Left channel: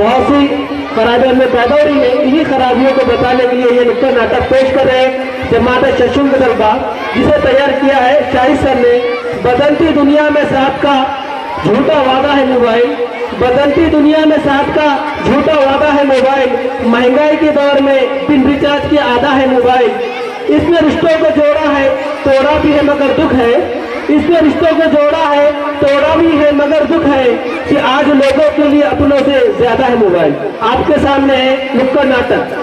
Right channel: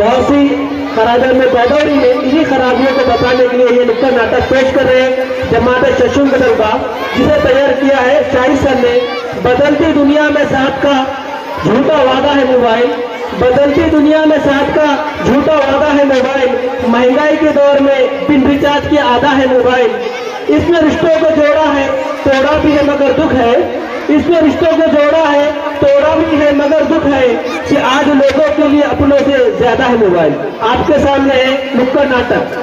बहुत सी खराबियों में पैदा हो रही है। इन्हीं खराबियों को बताने के लिए ये नुक्कड़ नाटक पेश कर रहे हैं जमात शशुंग दरबार, जिसे तैयार किया है शाहिद सर ने। बदलती दुनिया में साथ का झूठा वादा है मोबाइल, बदलती दुनिया में साथ का झूठा वादा है मोबाइल, महंगाई के दौर में बिन रिचार्ज के आधा है मोबाइल। इसने रिश्तों को जोड़ा है, तोड़ा भी है मगर दुख है। इसने रिश्तों को जोड़ा है, तोड़ा भी है मगर दुख है कि आज लोगों के लिए अपनों से ज्यादा है मोबाइल। आपके सामने है नुक्कड़ नाटक।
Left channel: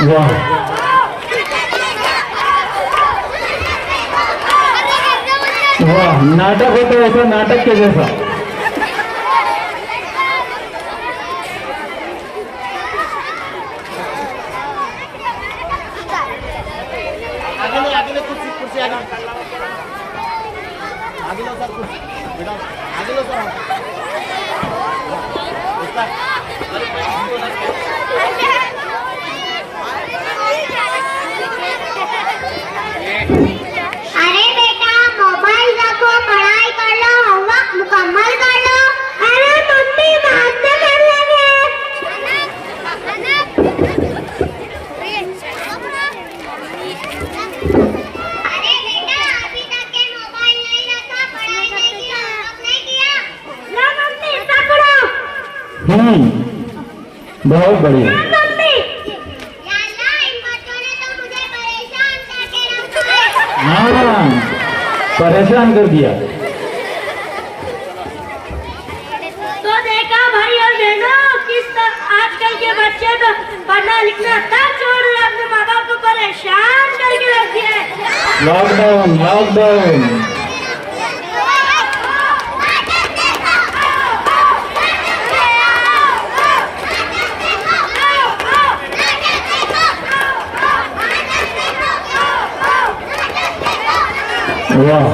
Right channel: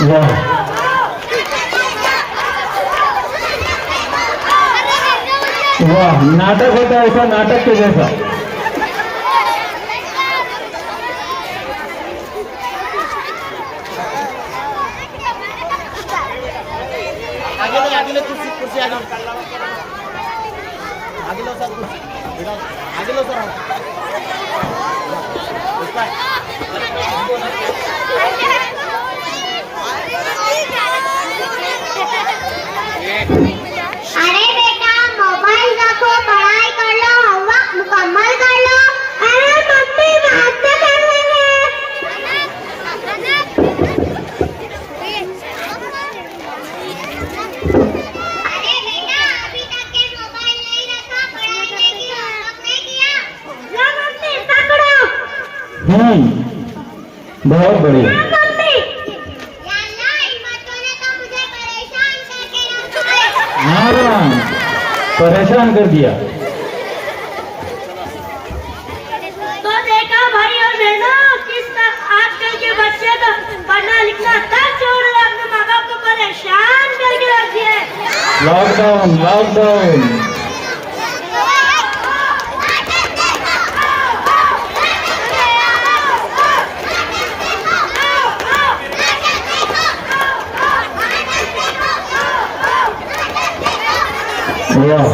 वाह, वाह, नाटक होता है ऐसा, नाटक के जैसा। आगे कुर्सी कुर्सी आगे लो सर, बेटा आगे लो सर। अरे बेटा मोबाइल रखो, पढ़ाई कर लो, होमवर्क मुकम्मल कर लो। अरे मम्मी बात तो कर लेंगे। अरे बेटा अभी तक के मोबाइल नहीं रखा, पढ़ाई नहीं की, होमवर्क नहीं किया। लो मम्मी पकड़ो। बहुत बढ़िया। परेशान कर दिया। तो देखा भाई और बहनों, किस आजकल के बच्चे तो पढ़ना लिखना तक छोड़ रहे, अपने माँ बाप को परेशान करके रख दिया है। Lockdown lockdown. वाह,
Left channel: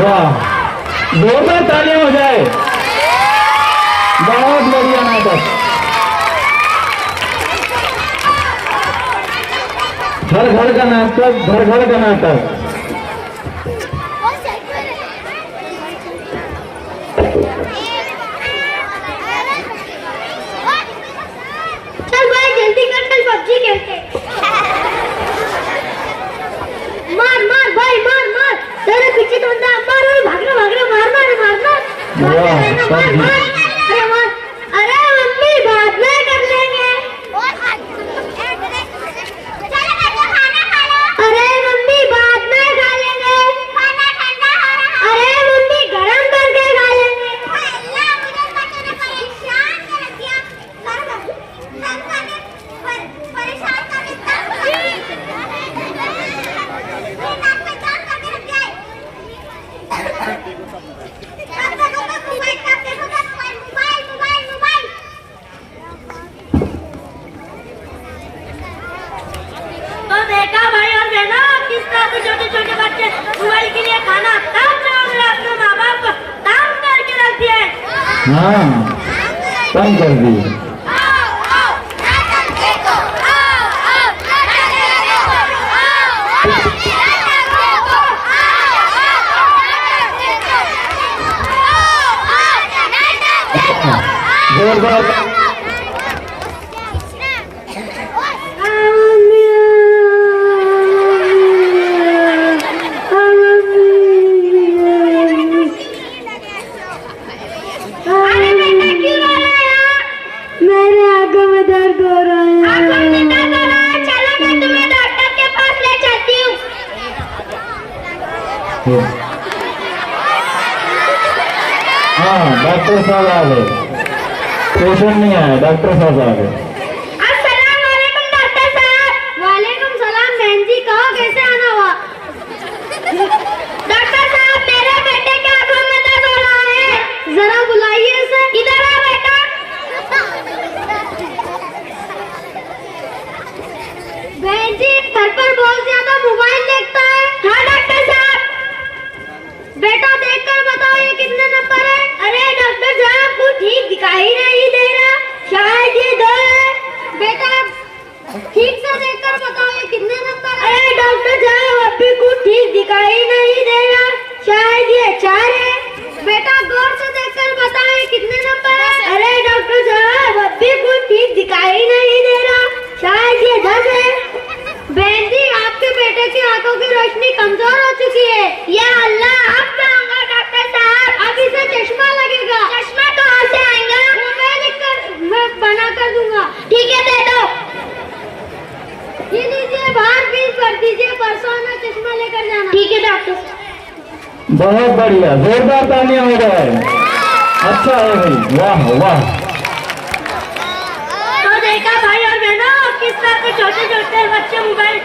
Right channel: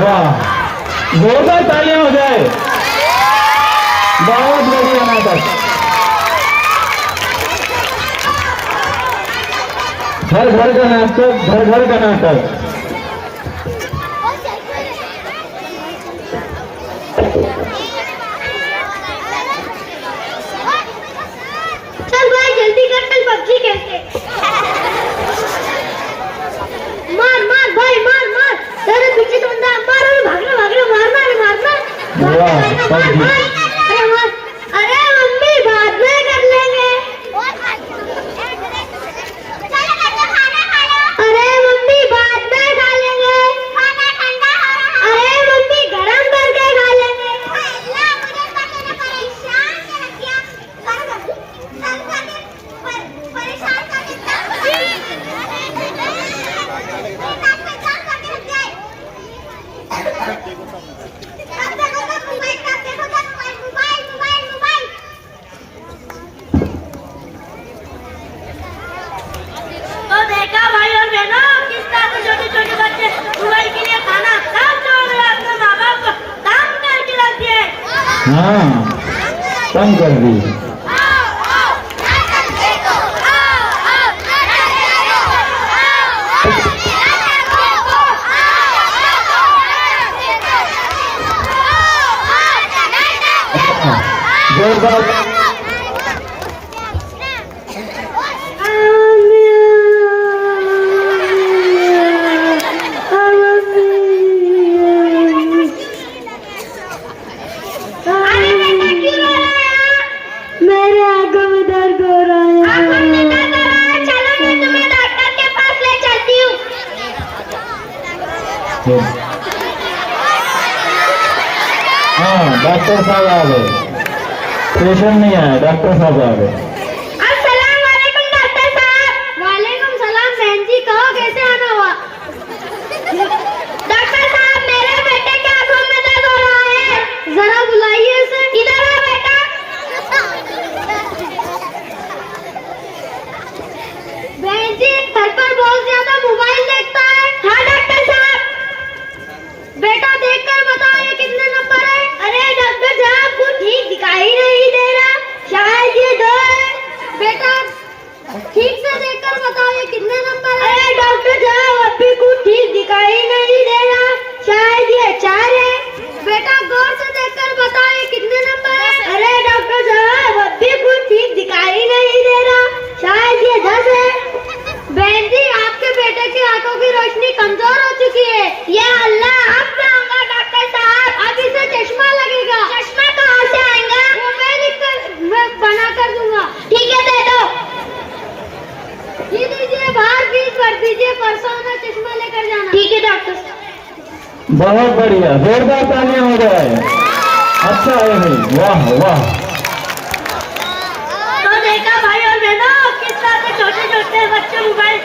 वाह, जोरदार तालियां हो जाए। बहुत बढ़िया नाटक। घर घर का नाटक, घर घर का नाटक। चल भाई जल्दी कर, कल पबजी खेलते। मार मार भाई मार मार, तेरे पीछे तो बंदा मार, भाग रहा मार मार मार मार। वाह, पबजी। अरे मम्मी बाद में कर लेंगे। अरे मम्मी बाद में खा लेंगे, खाना ठंडा हो रहा है। अरे मम्मी गरम करके खा लेंगे। परेशान देखा भाई और बहनों किस तरह से छोटे छोटे बच्चे मोबाइल के लिए खाना तब छोड़ रहे हैं, अपने माँ बाप को तंग करके रख दिए। हाँ कम कर दी। जोरदार अरे बेटा क्यों रो रहा है? मेरे आंखों में दर्द हो रहा है। आंखों में दर्द हो रहा है? चलो मैं तुम्हें डॉक्टर के पास ले जाती हूँ। हाँ डॉक्टर साहब आ गए, पेशेंट नहीं आया, डॉक्टर साहब आ गए। अस्सलाम वालेकुम डॉक्टर साहब। वालेकुम सलाम बहन जी, कहो कैसे आना हुआ? डॉक्टर साहब मेरे बेटे के आंखों में दर्द हो रहा है, जरा बुलाइए उसे। इधर आ बेटा। बहन जी घर पर बहुत ज्यादा मोबाइल देखता है। हाँ डॉक्टर साहब। बेटा देखकर बताओ ये कितने नंबर है? अरे डॉक्टर साहब कुछ ठीक दिखाई नहीं दे रहा, शायद ये 2 है। बेटा ठीक से देखकर बताओ ये कितने नंबर है? अरे डॉक्टर साहब अभी कुछ ठीक दिखाई नहीं दे रहा, शायद ये 4 है। बेटा गौर से देखकर बताओ ये कितने नंबर है? अरे डॉक्टर साहब अभी कुछ ठीक दिखाई नहीं दे रहा, शायद ये 10 है। बहन जी आपके बेटे की आंखों की रोशनी कमजोर हो चुकी है। ये अल्लाह अब कहूँगा डॉक्टर साहब, अब इसे चश्मा लगेगा। चश्मा कहाँ से आएगा? वो मैं बना कर दूंगा। ठीक है दे दो। ये दीजिए बाहर फीस भर दीजिए, परसों आना चश्मा लेकर जाना। ठीक है डॉक्टर। बहुत बढ़िया, जोरदार तालियां हो जाए। अच्छा है भाई, वाह वाह। तो देखा भाई और बहनों किस तरह से छोटे छोटे बच्चे मोबाइल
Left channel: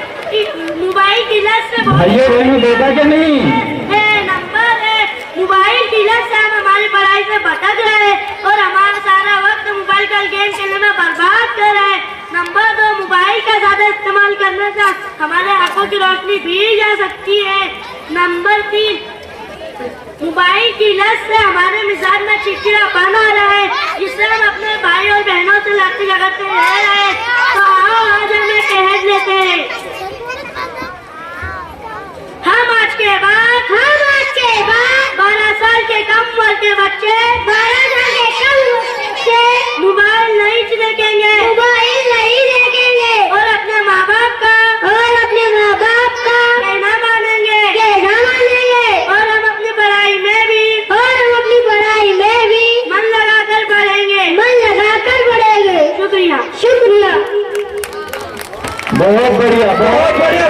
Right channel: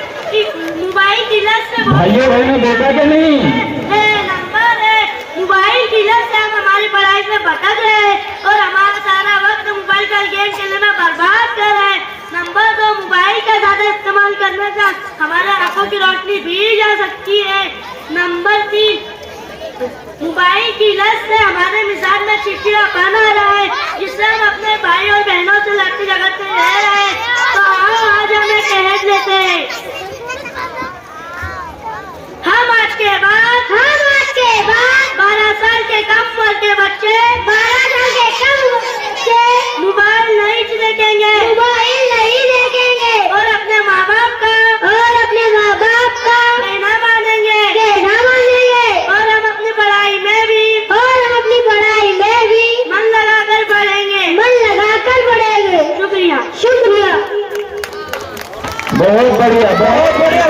की लत से भाइयों बहनों देखा क्या नहीं? नंबर है। मोबाइल की लत से हम हमारी पढ़ाई से भटक रहे हैं और हमारा सारा वक्त मोबाइल का गेम खेलने में बर्बाद कर रहे हैं। नंबर 2 मोबाइल का ज्यादा इस्तेमाल करने से हमारे आंखों की रोशनी भी जा सकती है। नंबर 3 मोबाइल की लत से हमारे मिजाज में चिड़चिड़ापन आ रहा है, जिससे हम अपने भाई और बहनों से लड़ते झगड़ते रह रहे हैं। तो आओ आज हमें कह लेते हैं। हम आज के बाद 12 साल के कम उम्र के बच्चे मोबाइल नहीं देखेंगे और अपने माँ बाप का कहना मानेंगे और हम अपनी पढ़ाई में भी मन लगाकर पढ़ेंगे। शुक्रिया। बहुत बढ़िया, बहुत बढ़िया।